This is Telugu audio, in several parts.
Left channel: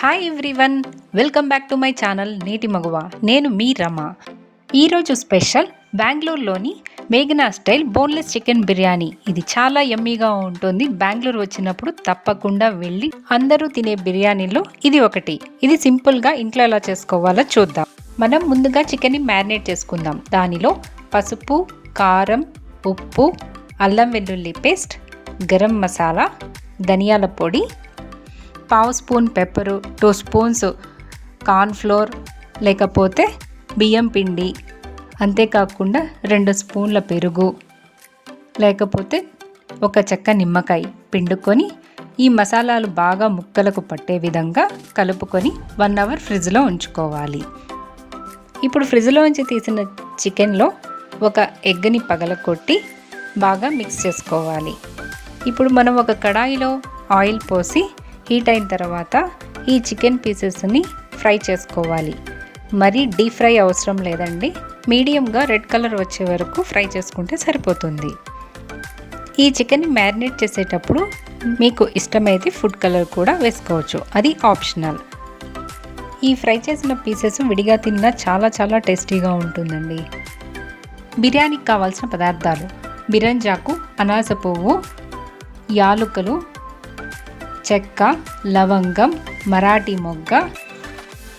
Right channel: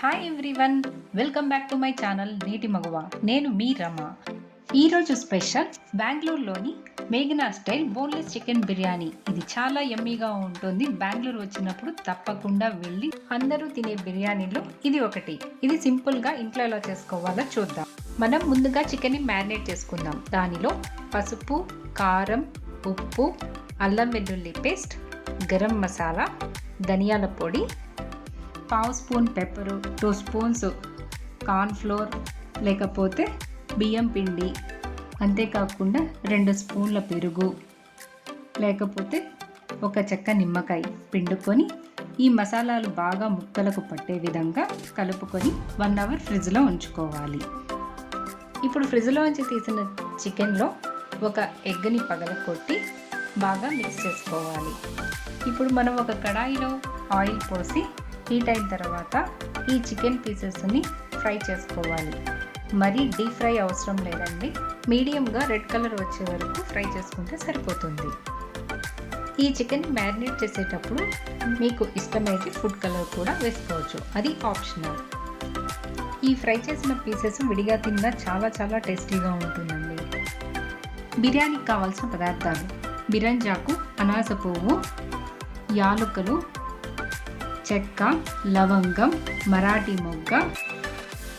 Hi everyone, welcome back to my channel నేటి మగువ. నేను మీ రమ. ఈరోజు స్పెషల్ బెంగళూరులోని మేఘనా స్టైల్ బోన్లెస్ చికెన్ బిర్యానీ. ఇది చాలా యమ్మీగా ఉంటుంది. బెంగళూరు వచ్చినప్పుడు తప్పకుండా వెళ్ళి అందరూ తినే బిర్యానీలో ఇది ఒకటి. ఇది సింపుల్గా ఇంట్లో ఎలా చేసుకోవాలో చూద్దాం. మనం ముందుగా చికెన్ని మ్యారినేట్ చేసుకుందాం. దానిలో పసుపు, కారం, ఉప్పు, అల్లం వెల్లుల్లి పేస్ట్, గరం మసాలా, ధనియాల పొడి, పావు స్పూన్ పెప్పరు, 2 స్పూన్స్ కార్న్ఫ్లోర్ లేకపోతే బియ్యం పిండి, అంతేకాకుండా 2 స్పూన్ల పెరుగు లేకపోతే ఒక చెక్క నిమ్మకాయ పిండుకొని ఈ మసాలాలు బాగా ముక్కలకు పట్టే విధంగా కలుపుకొని 1 అవర్ ఫ్రిడ్జ్లో ఉంచుకోవాలి. ఇప్పుడు ఫ్రిడ్జ్లోంచి తీసిన చికెన్లో ఒక ఎగ్ని పగలకొట్టి బాగా మిక్స్ చేసుకోవాలి. ఇప్పుడు మనం ఒక కడాయిలో ఆయిల్ పోసి హీట్ అయిన తర్వాత ఈ చికెన్ పీసెస్ని ఫ్రై చేసుకోవాలి. మరీ డీప్ ఫ్రై అవసరం లేదండి, మీడియంగా రెడ్ కలర్ వచ్చే వరకు ఫ్రై చేసుకుంటే సరిపోతుంది. ఈ చికెన్ని మ్యారినేట్ చేసేటప్పుడు మీకు ఇష్టమైతే ఫుడ్ కలర్ కూడా వేసుకోవచ్చు, అది ఆప్షనల్. ఈ ఫ్రై చేసిన పీసెస్ విడిగా తిన్నా చాలా టేస్టీగా ఉంటుందండి. బిర్యానీకి కావాల్సిన పదార్థాలు: బిరంజాకు, అనాస పువ్వు, యాలుకలు, చెక్క, లవంగం, మరాఠీ మొగ్గ,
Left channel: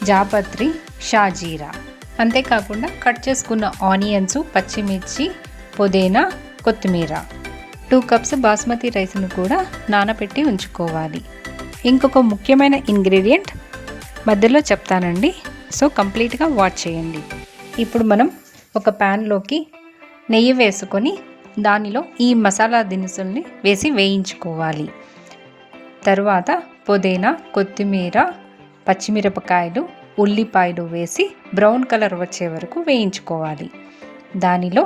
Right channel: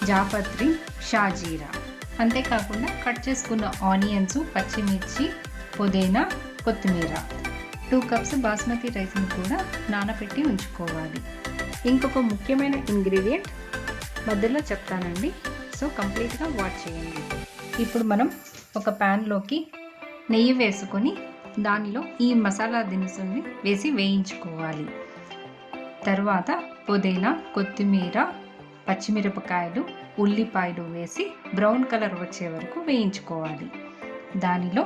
జాపత్రి, షాజీరా. అంతేకాకుండా కట్ చేసుకున్న ఆనియన్స్, పచ్చిమిర్చి, పుదీనా, కొత్తిమీర. 2 కప్స్ బాస్మతి రైస్ను కూడా నానబెట్టి ఉంచుకోవాలి. ఇంకొక ముఖ్యమైన ఇంగ్రీడియంట్ మధ్యలో చెప్తానండి, సో కంప్లీట్గా వాచ్ చేయండి. ఇప్పుడు మనం ఒక ప్యాన్లోకి నెయ్యి వేసుకొని దానిలో ఈ మసాలా దినుసుల్ని వేసి వేయించుకోవాలి. తర్వాత పుదీనా, కొత్తిమీర, పచ్చిమిరపకాయలు, ఉల్లిపాయలు వేసి బ్రౌన్ కలర్ వచ్చే వరకు వేయించుకోవాలి. దానిలో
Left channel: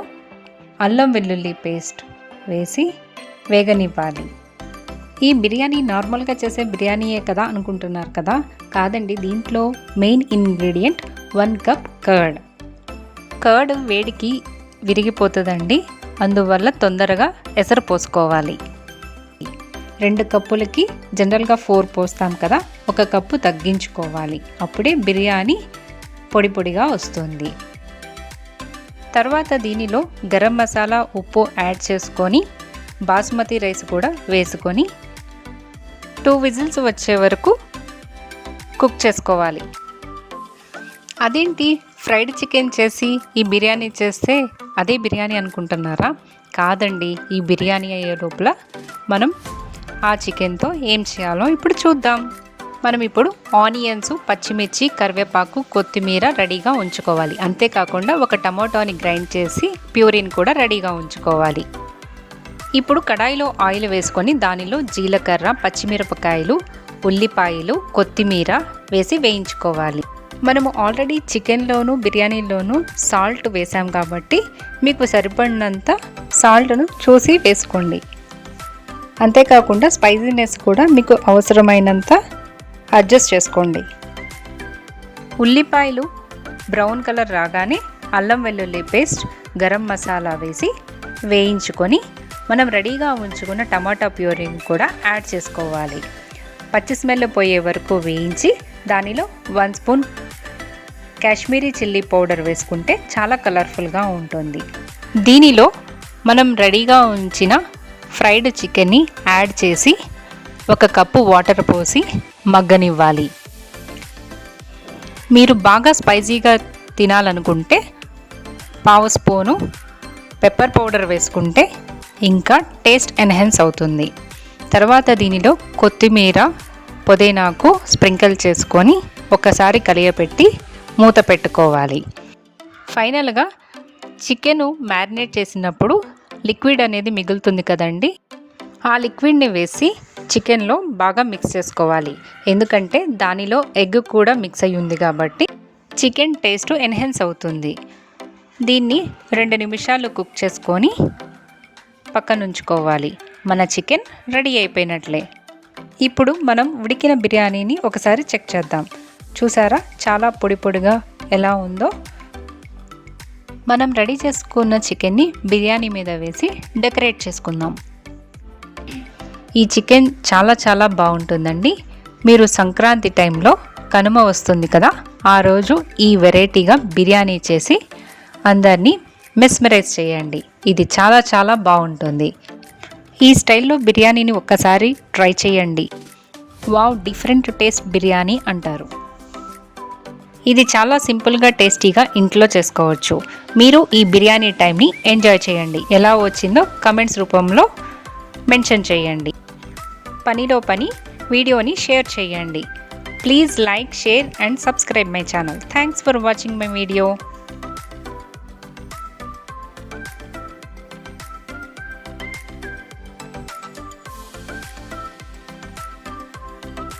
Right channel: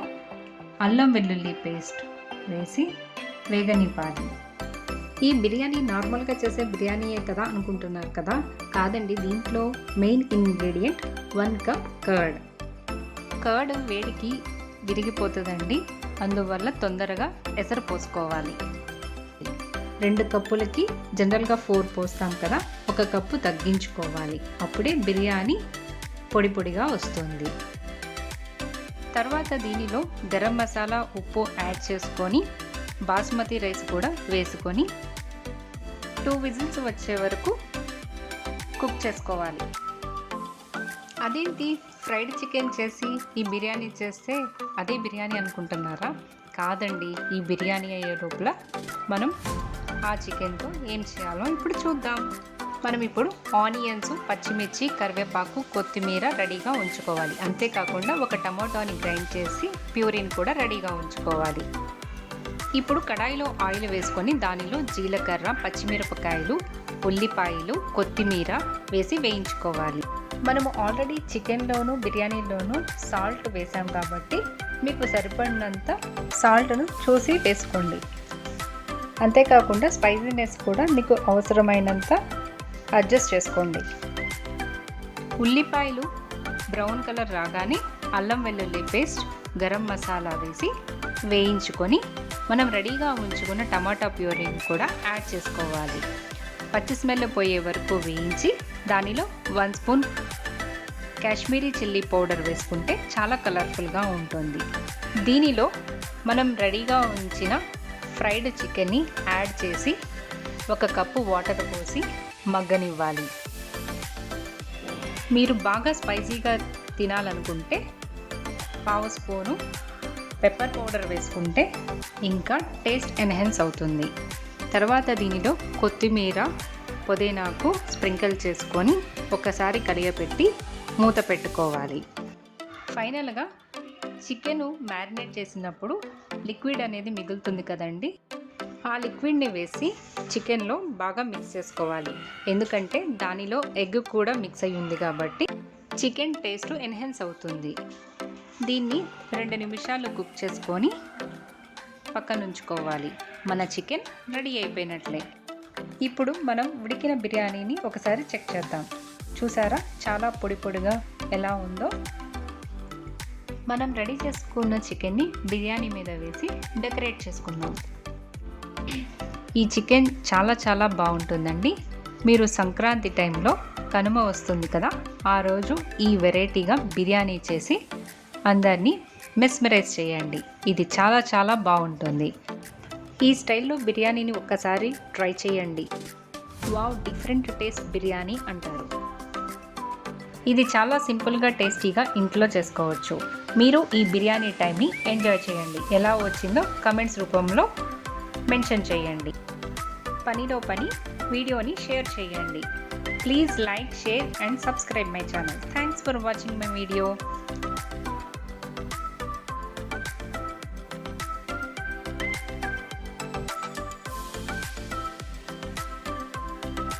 అల్లం వెల్లుల్లి పేస్ట్ వేసి వేగనివ్వాలి. ఈ బిర్యానీ నార్మల్గా చేసే బిర్యానీయే కదా అనుకుంటున్నారు కదా, కాదండి. దీంట్లో main ingredient 1 cup curd. Curd వేడికి విరిగిపోతుందండి, అందువల్ల తొందరగా ఎసరు పోసుకోవాలి. 2 కప్పులకి జనరల్గా 4 పోస్తాం కదా, 1 కప్పు తగ్గించుకోవాలి. అప్పుడే బిర్యానీ పొడి పొడిగా వస్తుంది. తర్వాత దీనిలో గరం మసాలా, ఉప్పు యాడ్ చేసుకొని బాస్మతి రైస్ కూడా వేసుకొని 2 విజిల్స్ వచ్చే వరకు కుక్ చేసుకోవాలి. అదేంటి ఫ్రైడ్ చికెన్ చేసి ఈ బిర్యానీ చేస్తే అదే బిర్యానీ అనుకుంటున్నారా? కాదండి, ఈ బిర్యానీ అయ్యే లోపల మనం ఆ చికెన్తో ఏం చేయాలో ఇప్పుడు చూద్దాం. మనం ఇప్పుడు ఆనియన్స్, పచ్చిమిర్చి, కరివేపాకు, కొత్తిమీర రెడీగా ఉంచుకోవాలి. అంతేకాకుండా ఒక టమాటోని గ్రైండ్ చేసి ప్యూరిన్ కూడా రెడీగా ఉంచుకోవాలి. ఇప్పుడు కడాయిలో ఆయిల్ వేసుకొని దానిలో జీలకర్ర, పచ్చిమిరపకాయలు, ఉల్లిపాయలు, కొత్తిమీర వేసి వేయించుకోవాలి. మనము ఆల్రెడీ చికెన్లోను బిర్యానీలోనూ సాల్ట్ వేసాం కాబట్టి మీకు సరిపడినంత సాల్ట్ను చూసి వేసుకోండి. అంతేకాకుండా స్పైసీనెస్ కూడా మీకు అవసరమైనంత అడ్జస్ట్ చేసుకోండి. ఉల్లిపాయలు బ్రౌన్ కలర్ రాగానే అల్లం వెల్లుల్లి పేస్ట్, గరం మసాలా వేసి వేయించుకొని మనం రెడీగా ఉంచుకున్న టమాటా ప్యూరీని కూడా యాడ్ చేసుకోవాలి. పచ్చి స్మెల్ పోయే వరకు వేయించి దానిలో 1 స్పూన్ కాశ్మీరీ చిల్లీ పౌడర్ వేసుకుంటే చాలా కలర్ఫుల్గా ఉంటుంది. దీనిలో మనం రెడీగా ఉంచిన ఫ్రైడ్ చికెన్ని యాడ్ చేసి 1 కప్పు వాటర్ పోసి మగ్గనివ్వాలి. మీరు బాగా స్పైసీగా తినాలనుకుంటే పావు స్పూను పెప్పర్ పౌడర్ వేసుకుంటే ఇంకా టేస్ట్ ఎన్హాన్స్ అవుతుంది. తర్వాత దీనిలో కొత్తిమీర, పుదీనాకు స్ప్రింకిల్ చేసుకొని ఒకసారి కలియపెట్టి మూత పెట్టుకోవాలి. ఫైనల్గా చికెను మ్యారినేట్ చేసినప్పుడు లిక్విడ్ అనేది మిగులుతుంది కదండి, ఆ లిక్విడ్ని వేసి చికెన్లో బాగా మిక్స్ చేసుకోవాలి. ఎందుకంటే దానిలో ఎగ్ కూడా మిక్స్ అయ్యి ఉంది కాబట్టి చికెన్ టేస్ట్ ఎన్హాన్స్ అవుతుంది. దీన్ని 2 నిమిషాలు కుక్ చేసుకొని పక్కన ఉంచుకోవాలి. మన చికెన్ రెడీ అయిపోయినట్లే. ఇప్పుడు మనం ఉడికిన బిర్యానీని ఒకసారి చెక్ చేద్దాం. చూసారా చాలా పొడి పొడిగా ఎలా ఉందో. మనం రెడీ చేసుకున్న చికెన్ని బిర్యానీ మీద వేసి డెకరేట్ చేసుకుందాం. ఈ చికెన్ చాలా బాగుంటుందండి. మీరు సంక్రాంతి టైంలో కనుమ వస్తుంది కదా, ఆ రోజు ఈ వెరైటీగా బిర్యానీ చేసి అందరినీ మెస్మరైజ్ చేయండి. ఇది చాలా చాలా బాగుంటుంది. ఈ స్టైల్లో బిర్యానీని ఒక్కసారి ట్రై చేయండి. వావ్, డిఫరెంట్ టేస్ట్ బిర్యానీ అంటారు. ఇది చాలా సింపుల్గా టేస్టీగా ఇంట్లో చేసుకోవచ్చు. మీరు ఈ బిర్యానీ టైంని ఎంజాయ్ చేయండి. ఎలా వచ్చిందో కమెంట్స్ రూపంలో మెన్షన్ చేయండి. పనిలో పని వీడియోని షేర్ చేయండి. Please like, share and subscribe my channel. Thanks for watching my video.